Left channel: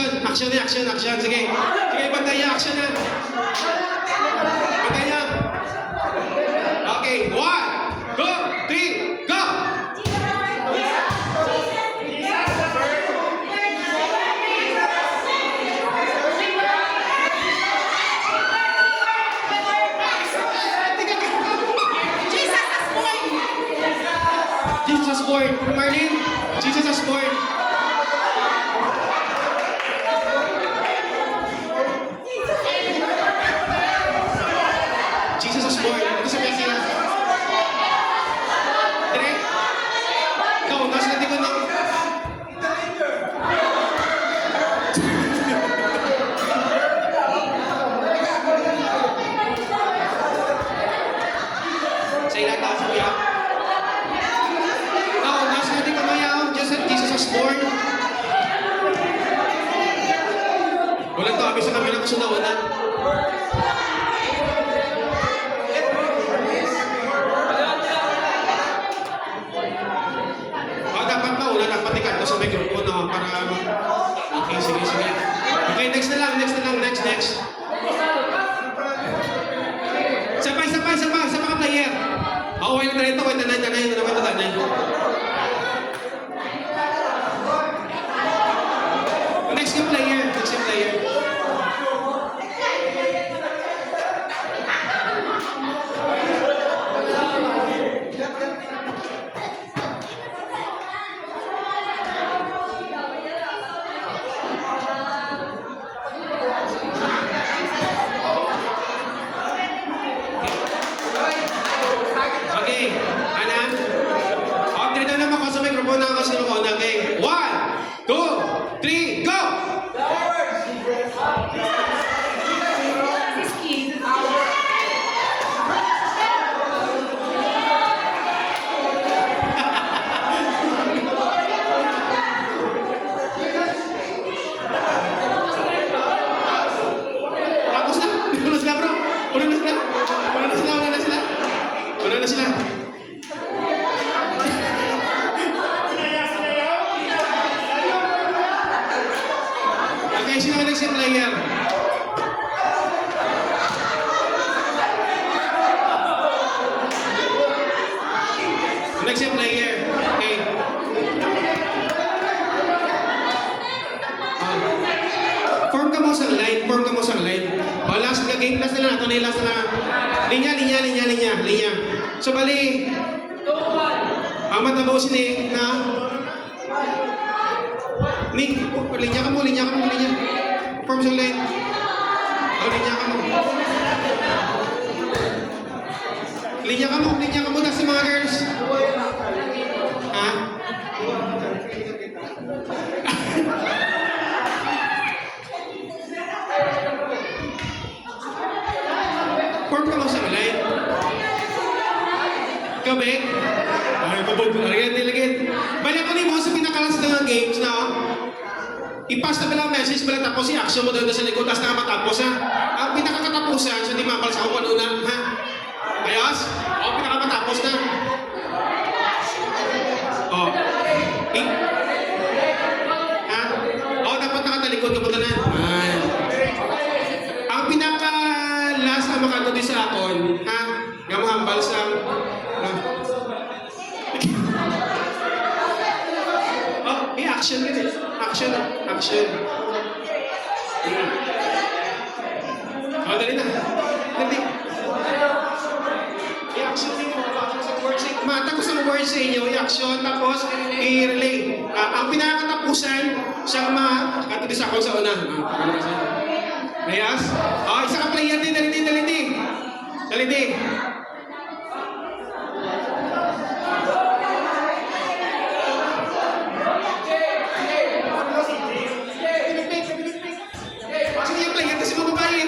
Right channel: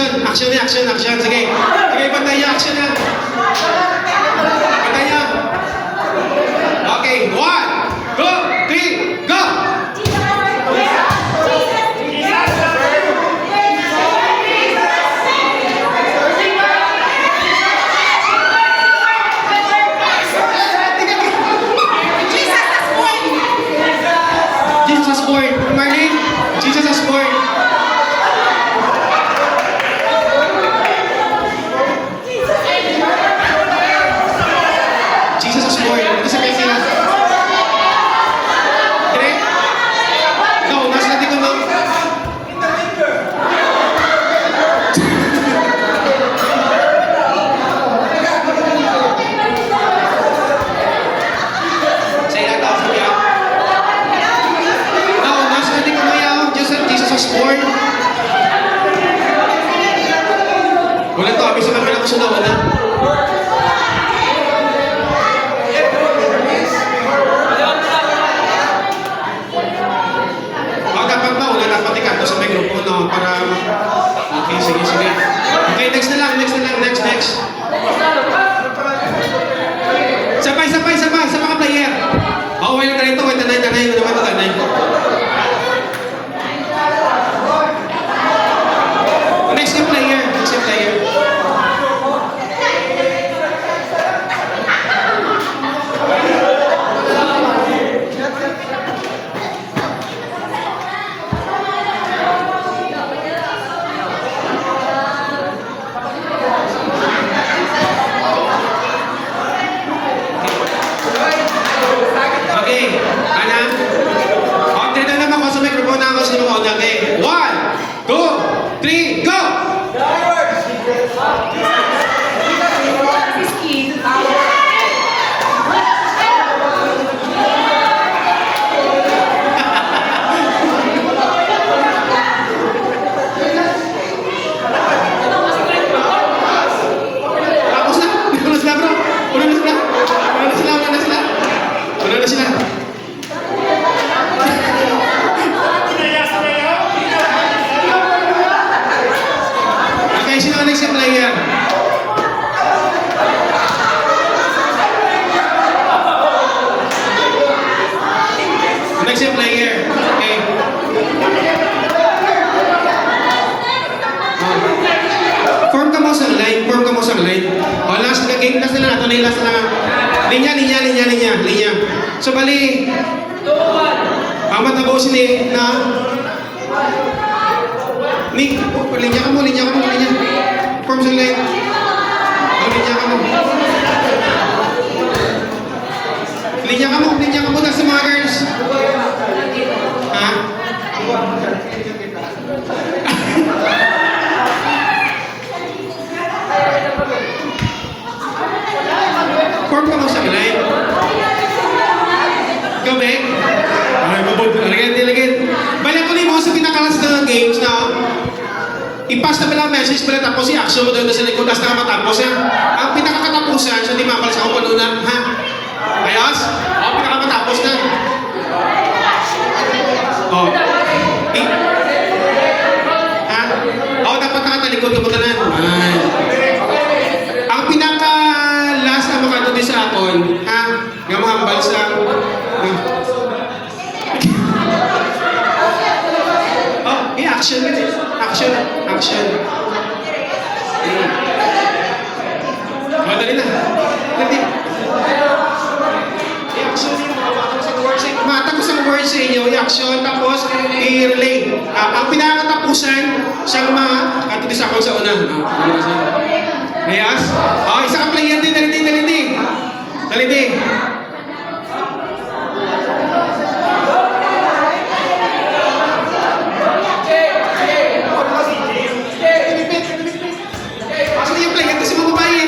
action. Action na, action, action. Sige. Sige, bantay niya. Action na. Bantay niya. Okay, 1, 2, 3, go! Jesus has born. Marlene, Jesus has born. Jesus has born. Ito sa kayo sila. Dire? Ikaw, nasa natin ko na. Sa ilang tao sa biyak. Jesus has born. Wala to, abis sa kami na kusunod na. Dapat na, wala dapat ikan sa may grupo no, para... Okay, sige, sige. Okay, next na lang, next. Sabay, sa mga player. Oh, wait na rin ito, wait na rin. Next yung player. Okay, Ana? Okay na naman ako sa microphone na ako sino ko na. Okay, 1, 2, 3, go! Tapos na? Uno na sila bro? Uno na sila? Okay, sino ka next yung player? Next yung player. Okay. Form ka mo sa line. O, last na game, last na linya. So, bali, ang matabosin na linya ka mo. Form sa line. Linya ka mo. Tapos sa mga girls. Ha? Form ka mo sa line. Gabi? Ay, mabod. Alagad. Balik ko mo sa pinakalas ng games na i-pass na pala message pala tapos i-action mo doon sa likod as na matapos ha. Ang pinakakatapusan sa di mapal sa kumalunan ha. Ayos? O, pinakamatapos na. O. Ha? O, dapat nakatalikod ka mo tanan. Ay. Ang pinaka-last na makatuloy sa akon, ha? Nga mga hambal sa... Oh, i-action rin eh. Action. O, dali na. I-action din mo. Mata ko sa words sa inyo, i-action, tapos i-relay. Ang pinakatapusan sa mga katuloy sa akon sa una. Ayos? O, isa kang player din. Dali. Kasi yung player din sa mga babae.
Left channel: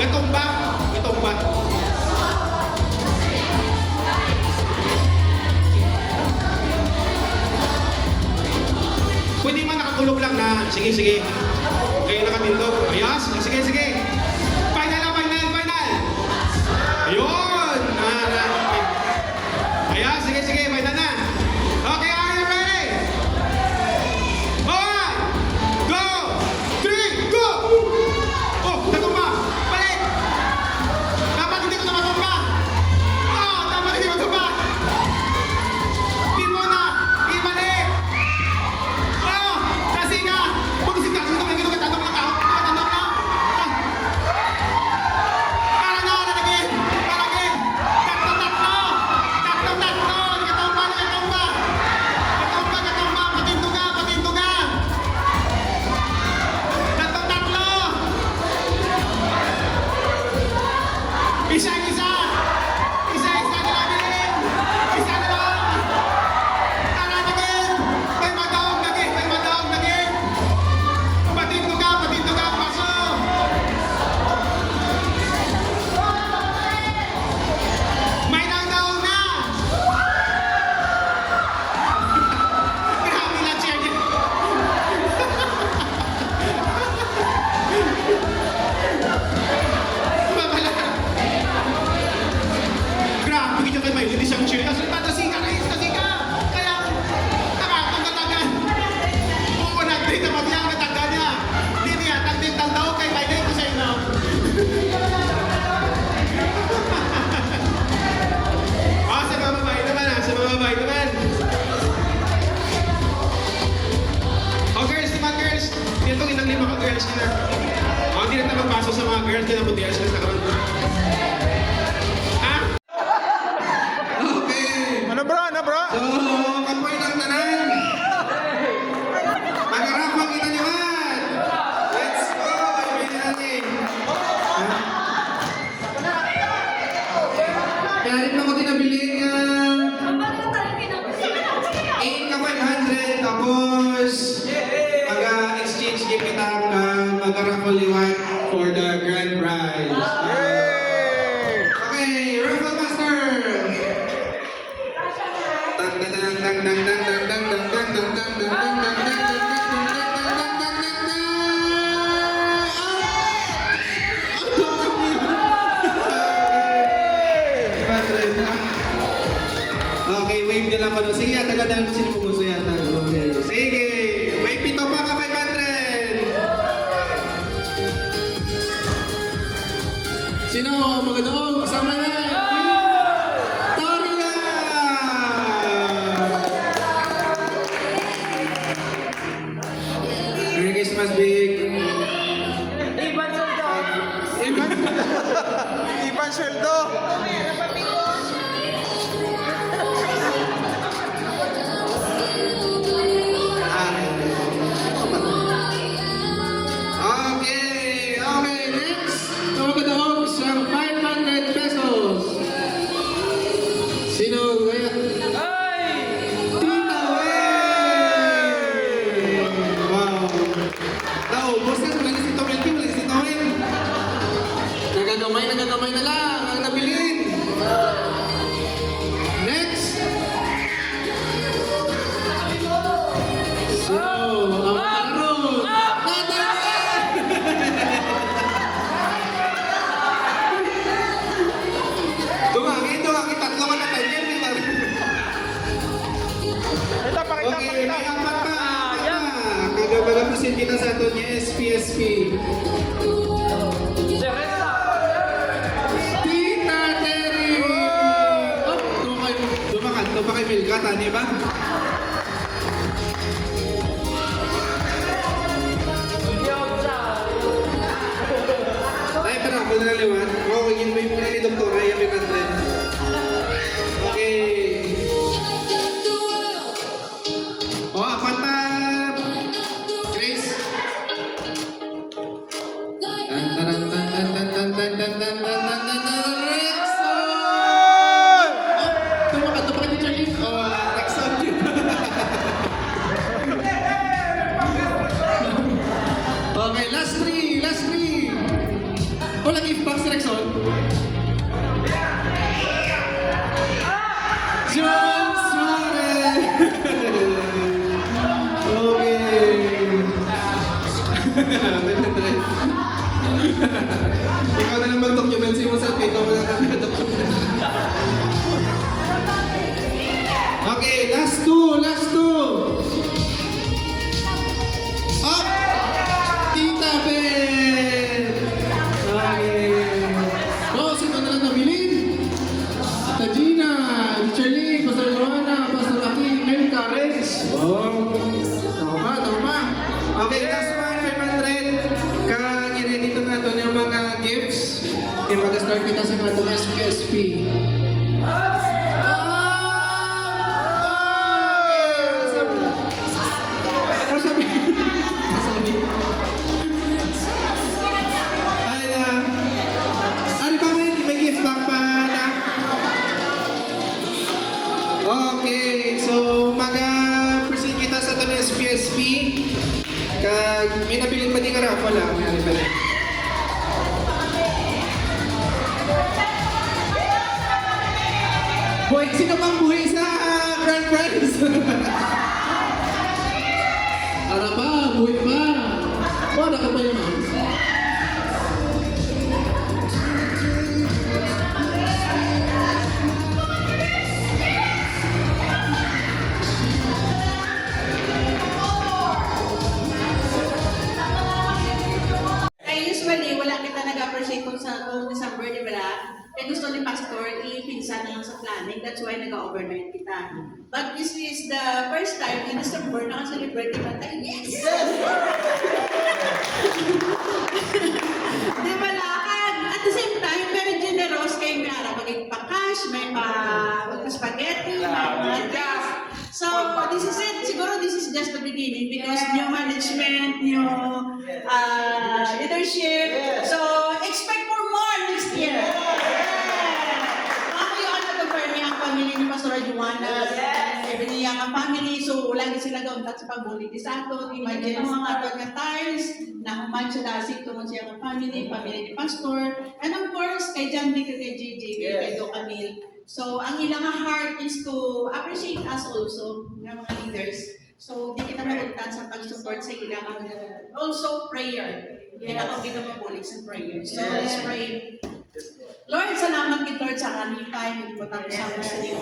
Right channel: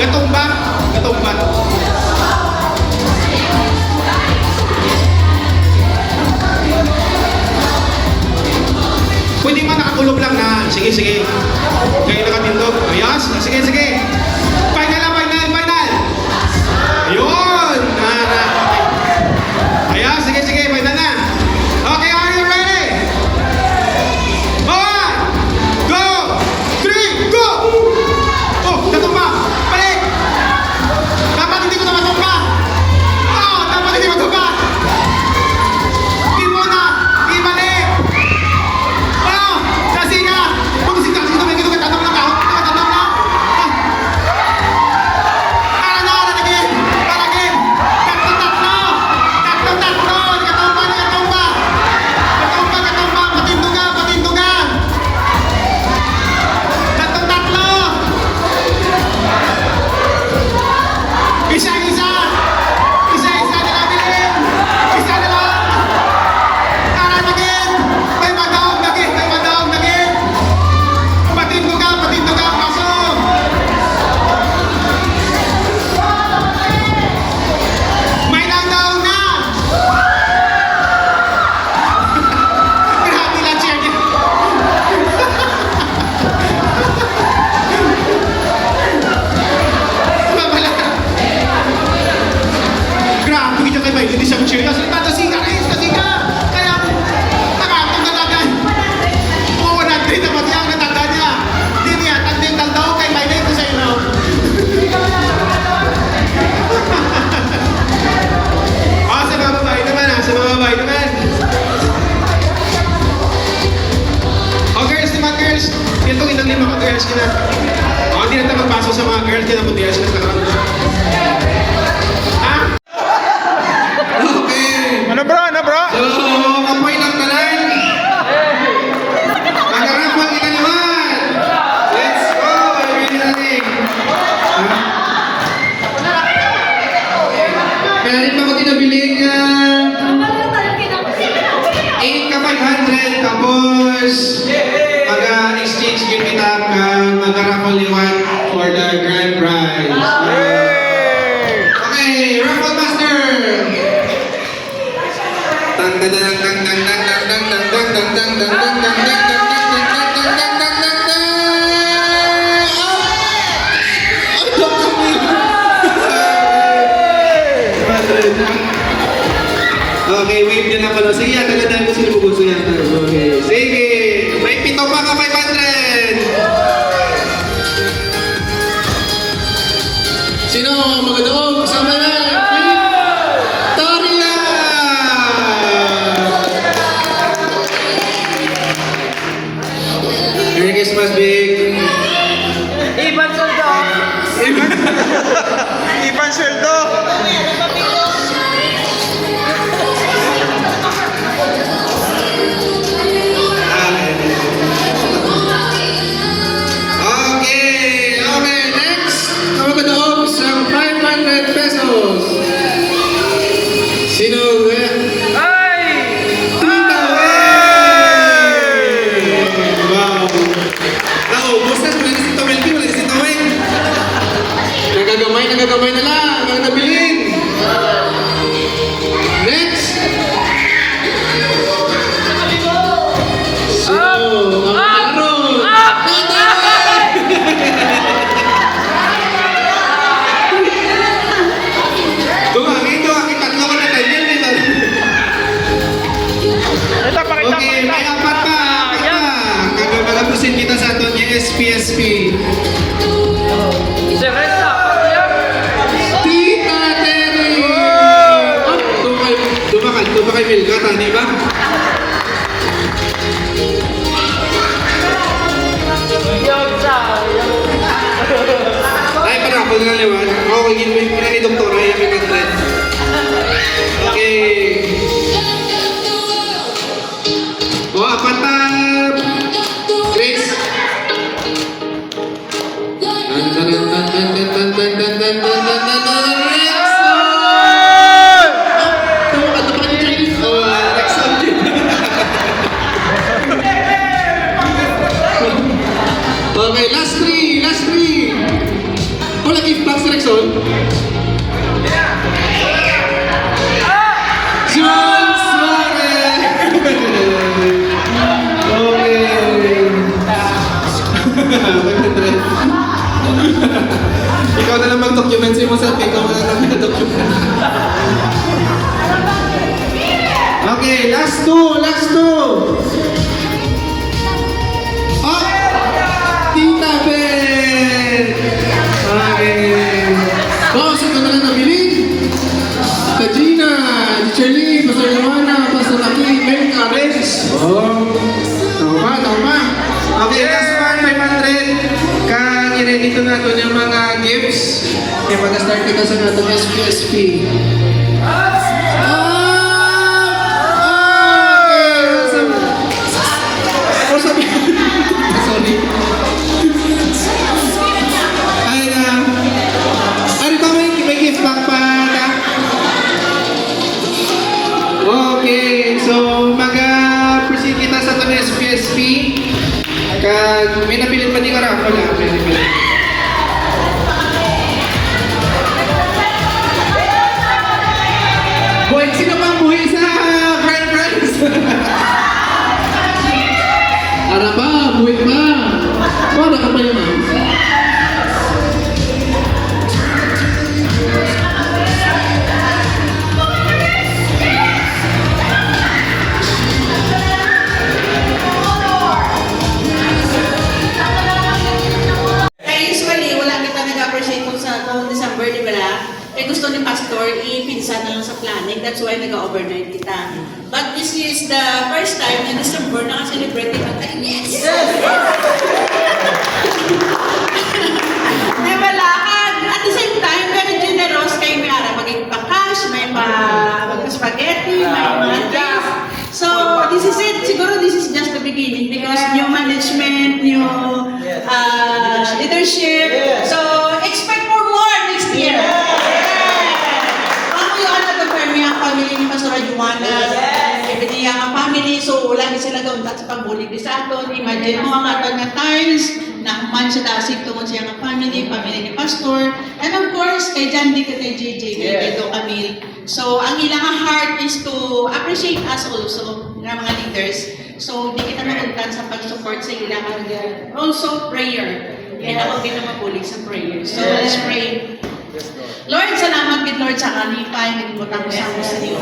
Gatumba. Gatumba. Pwede man nakatulog lang na. Sige, sige. Kayo nakatindog. Ayos. Sige, sige. Final na, final, final. Ayun. Ayos, sige, sige. Final na. Okay, are you ready? 1, 2, 3, go! Oh, natumba. Balik. Dapat hindi ko na matumba. Oh, dapat hindi matumba. Di muna. Ibalik. Oh, kasi nga. Pag-usik ka, sige, ito ka, tanong lang ka. Ito ka, tanong lang. Para na, again. Para again. Tatlo. Nagatumba. Gatumba. Patinduga. Tatlo. Isa na lang bilhin. Isa na lang. Para again. May madaog again. Patinduga. Pasok. May nagdaog na. Grabe lang siya niya. Babala. Grabe kita kay Maylin, isang cheer. Kasi kasi ka. Kaya nakatong natagan. Oo, 100 na pati ang natagan niya. Di niya, tagdintal daw kay Maylin ko sa ino. Sa mga babae naman. Oh, girls. Ito, ilang 5 ka girls kina. Oh, hindi na tayo magpasok sa mga girls kina. Buti sila sa karoon. Ah? Okay. Ano bro? So, kapoy lang tanan. Magarapon kita naman. Let's go. Ready natin. Kaya rin pa ko tinabiling 8 ka 500. Tapos, mag-exchange game kita mag-raffle liwan for the grand prize. Okay, raffle master. Okay, wave din ako. Sige, tagadaan ko sino gusto yan. Okay, sige. May 7 pa ka 500. Sino magadaog? Sama na. Torila! Merry Christmas, Big. Iban sweldo. Okay, next. Magadaog sa 500 pesos. Sino? Ay! Wow. Naubos na. Wala si Tomelki. Nagagamay na lang. Ang nabilin. Next. So, ang laro. kita sa aton niya SPSP. Serena, ano yan? Tita Terry! Tuba kay Milka, tani ba? Ay, para ako na liwan. Okay, ginwin ko na ni Doktora, yan may kantret. Okay. O, apat na. Grace. Okay, last three. Wala gift box Rexon. John Suarez! Ikaw na lang mag-document sa mo sa ikaw na lang mag-document. Okay, last two. Oh! Tita Ben! Okay. Boss, ito na lang nabili. Sa Gina, si Charlie, Pastor Joanna, Pastor Aki, Mel Cares. Oh, tama. Okay, last one, 500. Kang i-ready na ito yung mga gifts. Okay, mag-start kita sa natin SPSP. Sorry. Ay, ano ba may gift back pa na? Okay, so mag-proceed kita sa ito ng SPSP. Kag may nabilit pa di ka ra? Wala, may nabilit. Boy, sino pang buhay sa Grand Prize? Ara ba? Buhay pa? Para ka pa yun ah. Kaya usually, wala kita nag-appreciate kung sa kung December, di ba na? Eh gusto ni Pastor, ipinsan na lang sa planning. That's why nag-overnight kita. But this is the first time in December na ka-celebrate kita. Yes! Di ba lakad? At the same time, very generous kay may ara. Mag-cash, may spaghetti, may mga drinks. So, this is it. Siguro this is just the beginning because new management, new leadership. So, expect for more next year. Ako yung ano ang family ni Pastor Joanna. Ibig ang family. So, lagi sila doon sa pagbulig sa aton. Imagine mo ang aton nga times na human siya dasig tungkol siya ang family ni Pastor. And of course, kay John D. kay JJ, kay Edo Camille. So, ang ilang heart is to appreciate us also, ng mga leaders. So, di kita magulkan sa pag-support sa ilang. Also, prayer. Kaya ako din naman pulig sa prayer. So, let's pray. Lord, salamat din Lord sa kalipay, nagibutang ko sa iyo.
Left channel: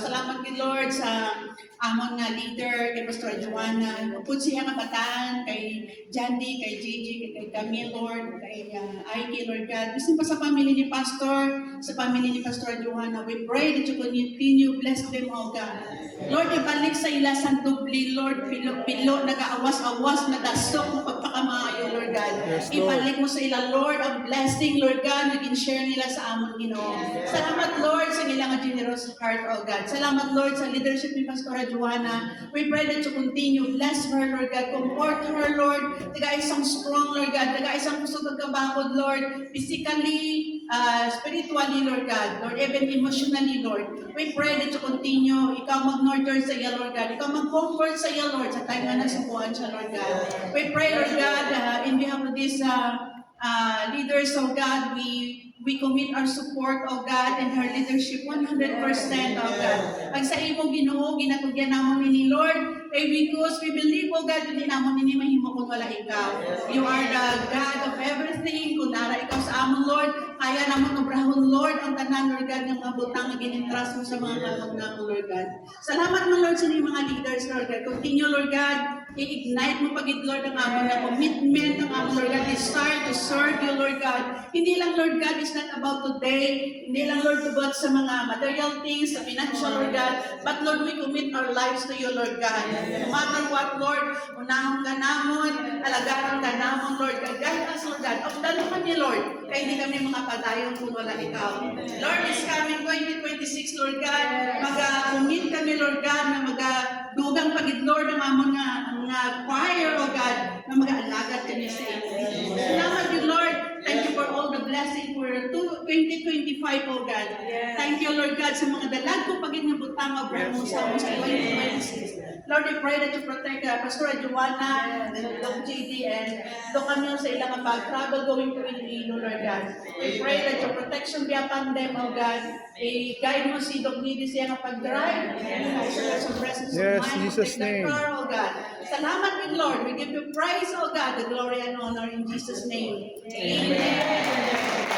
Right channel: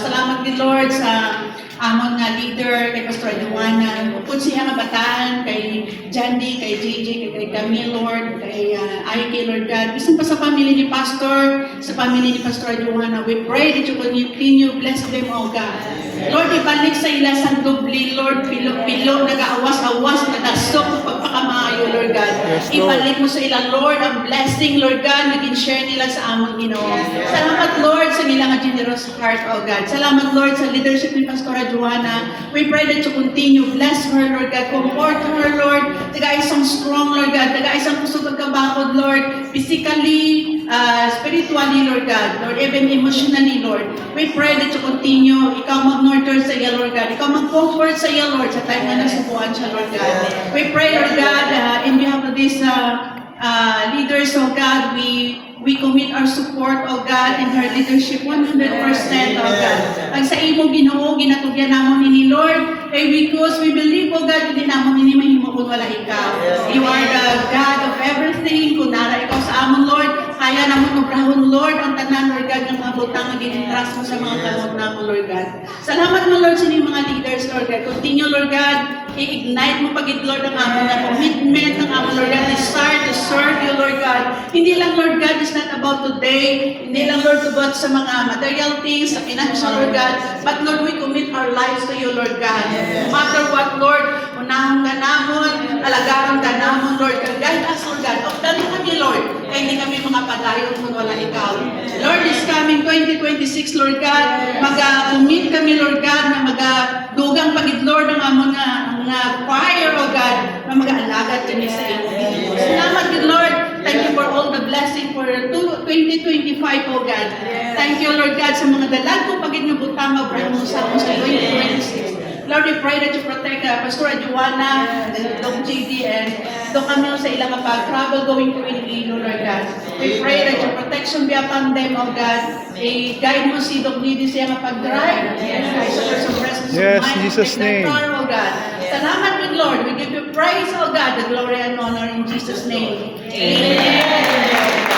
Salamat din Lord sa among nga leader, kay Pastor Joanna, kung siya nga bataan, kay Jandy, kay JJ, kay Camille, Lord, kay Ike, Lord God. Bisan pa sa family ni Pastor, sa family ni Pastor Joanna, we pray that you continue, bless them, O God. Lord, ibalik sa ila sa dubli, Lord, pilo, nag-awas-awas, nadasok, pagpakamaayo, Lord God. Ibalik mo sa ila, Lord, ang blessing, Lord God, naging share nila sa among Ginoo. Salamat, Lord, sa nila nga generous heart, O God. Salamat, Lord, sa leadership ni Pastor Joanna. We pray that you continue, bless her, Lord God, comfort her, Lord, taga-isang strong, Lord God, taga-isang kusog kagkabakod, Lord, physically, spiritually, Lord God, Lord, even emotionally, Lord. We pray that you continue, ikaw mag-nurture sa iya, Lord God, ikaw mag-comfort sa iya, Lord, sa time na nasubuan siya, Lord God. We pray, Lord God, in behalf of these leaders, oh God, we commit our support, oh God, in her leadership 100%, oh God. Ang sa imo Ginoo, ginatugyan namon ni Lord, because we believe, oh God, hindi namon ini mahimo kung wala ikaw. You are the God of everything. Kung nara ikaw sa amon, Lord, kaya namon mabrahon, Lord, ang tanan, Lord God, ng mga butang na ginintras mo sa mga kalog namon, Lord God. Salamat mo, Lord, sa inyong mga leaders, Lord God. Continue, Lord God, i-ignite mo pagid Lord ang amon na commitment ng amon Lord God, desire to serve you Lord God. Hindi lang Lord God is not about today, hindi lang Lord about sa mga material things, sa financial Lord God, but Lord we commit our lives to you Lord God. No matter what Lord, unahon ka namon, alagaan ka namon Lord God, guide us Lord God, of kami Lord, kaya hindi kami mga padayon kung wala ikaw. Lord is coming 2026 Lord God, mag-commit kami Lord God na mag-dugang pagid Lord ang amon nga fire oh God, na mag-alagad kami sa iyo. Salamat good Lord, thank you for all the blessing for 2025 oh God. Thank you Lord God sa mga dalag ko pagid nga butang nga bramo sa 2026. Lord, we pray that you protect Pastor Joanna, Dr. JD, and Dr. Camille sa ilang pag-travel going to Iloilo, Lord God. We pray that your protection be upon them, oh God. I-guide mo si Dr. JD sa iyang pag-drive. I surrender some presence Yes, of mind. Jesus' Protect their name. car, oh God. Salamat, good Lord. We give you praise, oh God, the glory and honor in Jesus' name. Amen.